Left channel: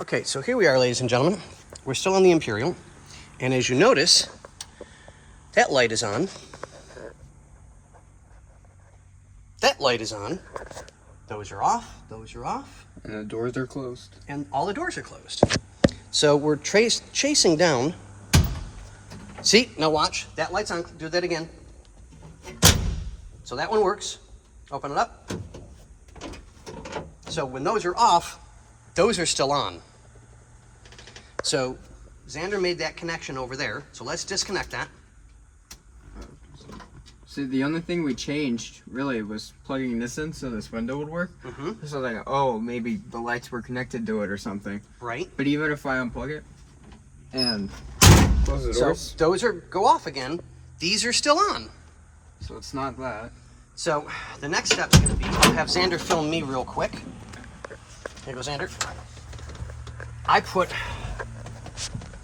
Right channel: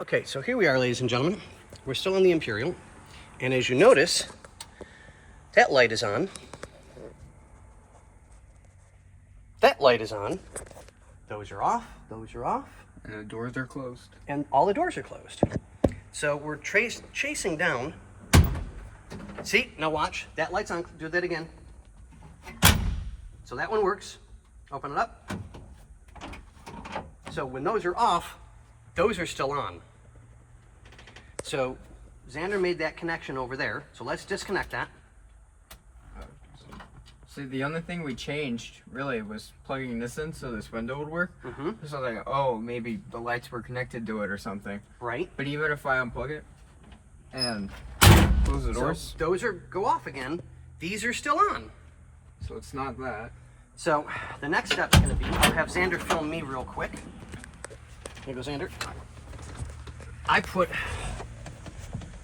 Okay, so here we are, ladies and gentlemen. We're still on the Imperial, and as you notice, that light is on. That light is on. Those are off. Those are off. And the doors are closed. And all the doors are closed. So we're chasing down. See, now watch. That light's on. Do that again. So that one works. Open it up. So when those are off, those are still on. So Xander made that connection over there. So let's disconnect that. See, the only thing we changed really was plugging this in so this window would work. Mm-hmm. So like, oh, maybe the lights were connected to it or something. Right. But even if I unplug it and close the doors, so those go off again. These are still on. so it's not that. So the next step's going to be, I'll have Xander film me real quick. Here goes Xander. I put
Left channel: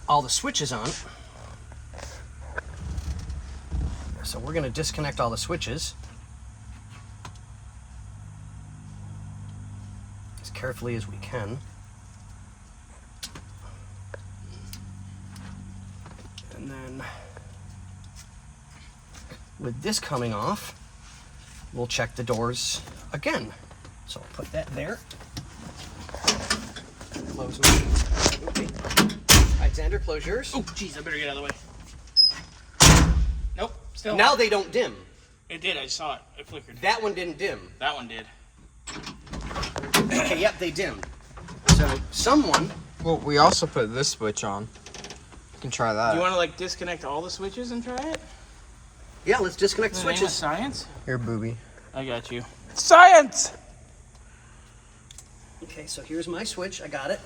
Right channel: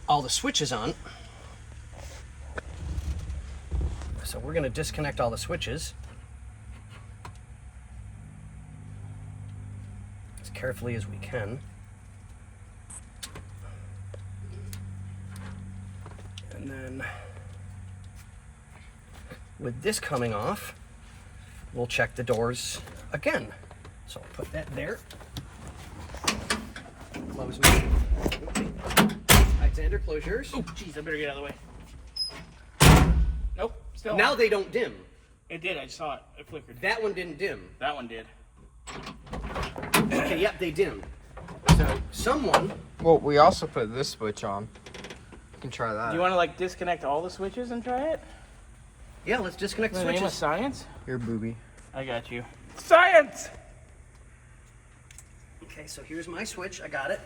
all the switches on. So we're going to disconnect all the switches as carefully as we can. And then with this coming off, we'll check the doors again. So I'll put that there. Close them. Okay. Alexander, close yours. Oh, jeez, I better get out of the way. Nope, still. Now they don't dim. It did, I saw it. It flickered. That one didn't dim. That one did. Okay, yep, they dim. So someone... Well, we also put this switch on. You can try that. Do you want to, like, disconnect all the switches and try it? Yeah, let's disconnect the In the name of switches. science? Here, booby. I got you. Science! Okay, so here's my switch. I got it.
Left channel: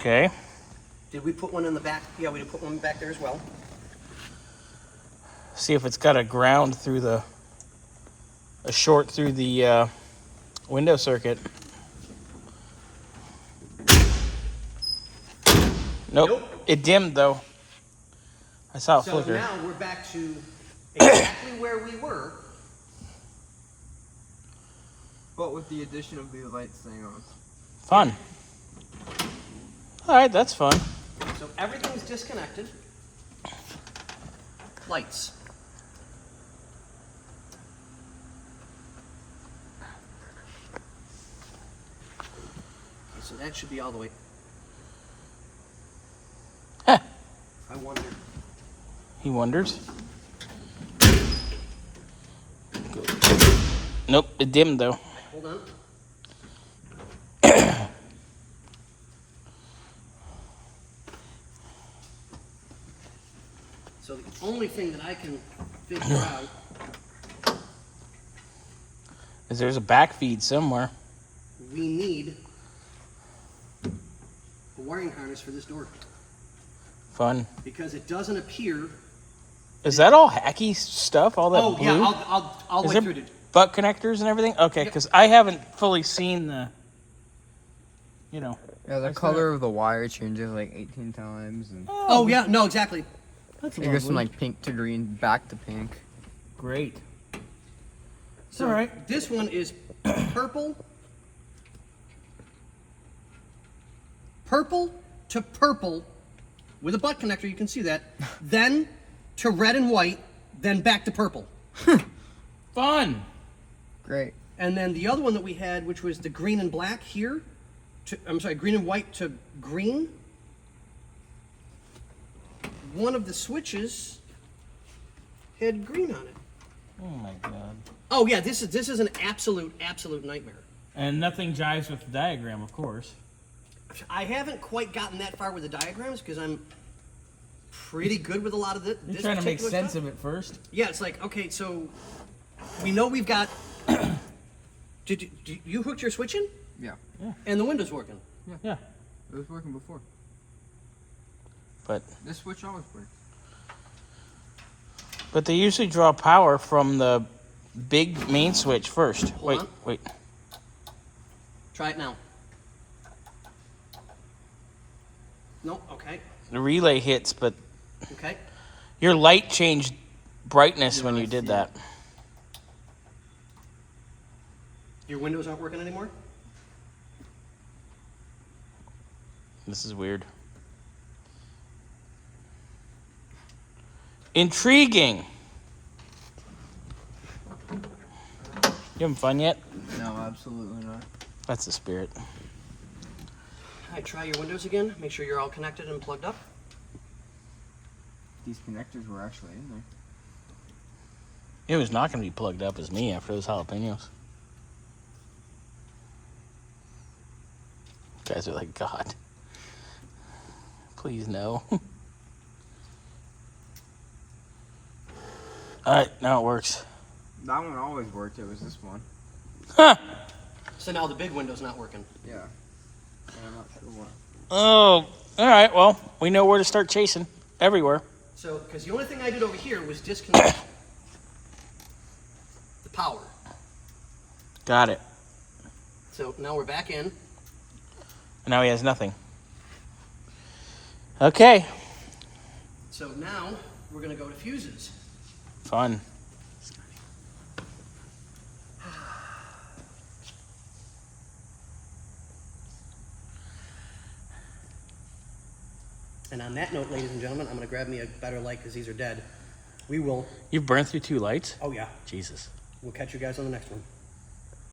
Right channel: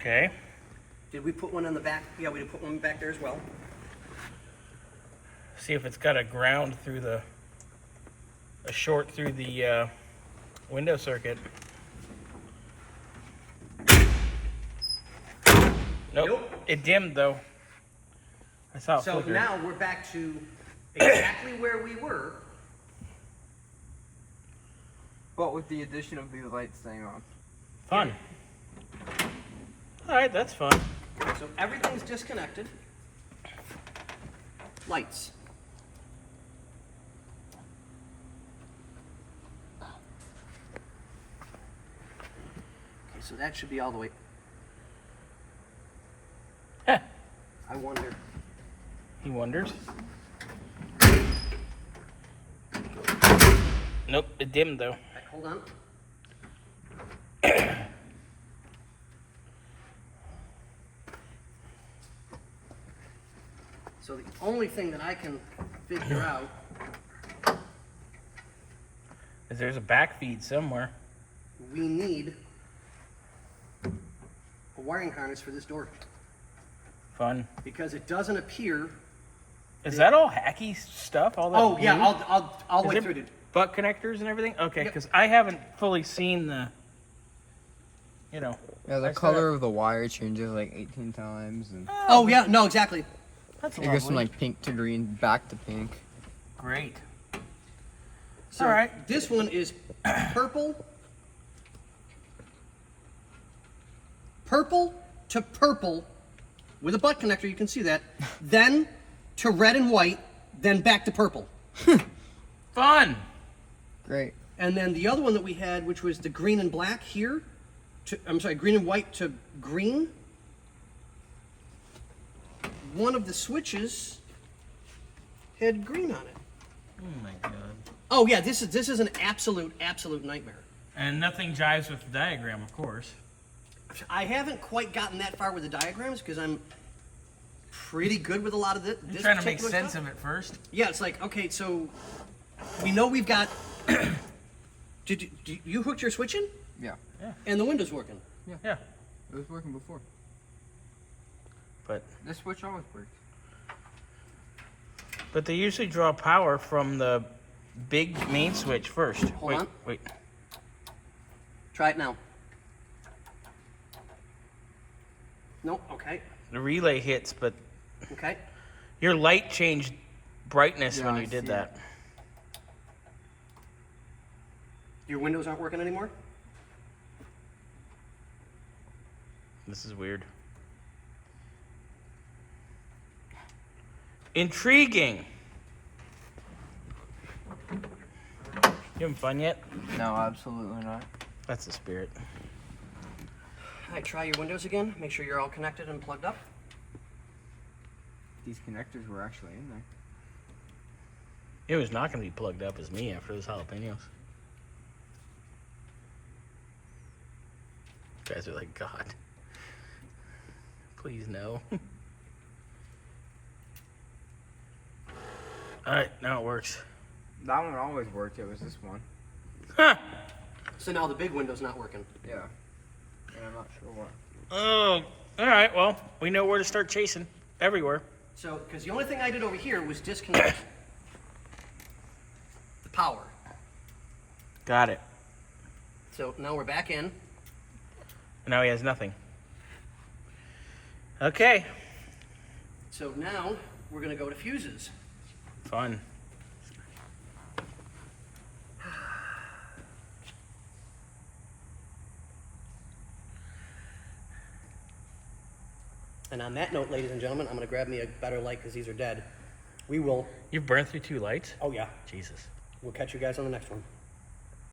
Okay. Did we put one in the back? Yeah, we did put one back there as well. See if it's got a ground through the... a short through the window circuit. Nope. It dimmed, though. I saw it So flicker. now we're back to exactly where we were. But with the addition of these lights staying on. Fun. All right, that's fun. So everything's disconnected. Lights. Okay, so that should be all the way. Huh. I wonder. He wonders. Nope, it dimmed though. Hold on. So the only thing that I can figure out, Is there's a back feed somewhere. we need a wiring harness for this door Fun. because it doesn't appear. Is that all hacky stuff? All that Oh blue? yeah, I'll Is wait there through it. butt connectors and everything? Okay, Yep. because I haven't fully seen the, Yeah, I the said color of the wire changes like 18 times. And Oh yeah, no, exactly. That's it goes from like pink to green, back to pink. great. So All right. this one is purple to purple with a butt connector, you can see that, then to red and white, then back to purple. Fun. Great. And then the other one that we had, which was the green and black here, green and white to green. One of the switches had green on it. Oh my god. Oh yeah, this is an absolute nightmare. And nothing jives with the diagram, of course. I haven't quite gotten that far with the diagrams because I'm pretty good with a lot of this. You're trying to make sense of it first. Yeah, it's like, okay, so we know we've got. Did you hooked your switch in? Yeah. And the window's working. Yeah. It was working before. But This switch always worked. they usually draw power from the big main switch first. Hold on. Wait. Try it now. Nope. Okay. The relay hits, but Okay. your light changed brightness Yeah, when I you did see that. Your windows aren't working anymore? This is weird. Intriguing. You having fun yet? No, absolutely not. That's the spirit. All right, try your windows again. Make sure you're all connected and plugged up. These connectors were actually in there. It was not going to be plugged up as me after those jalapenos. You guys are like, God. Please, no. Alright, now it works. That one always worked. It was this one. Huh! So now the big window's not working. Yeah. And I'm not sure why. Oh, alright, well, we know where to start chasing. Everywhere. So, because the only thing I did over here was disconnect the power. Got it. So now we're back in. And now he has nothing. Okay. So now we're going to go to fuses. Fun. And on that note, ladies and gentlemen, I'm going to grab me a better light because these are dead. We will. You've burned through 2 lights? Oh, yeah. Jesus. We'll catch you guys on the next one.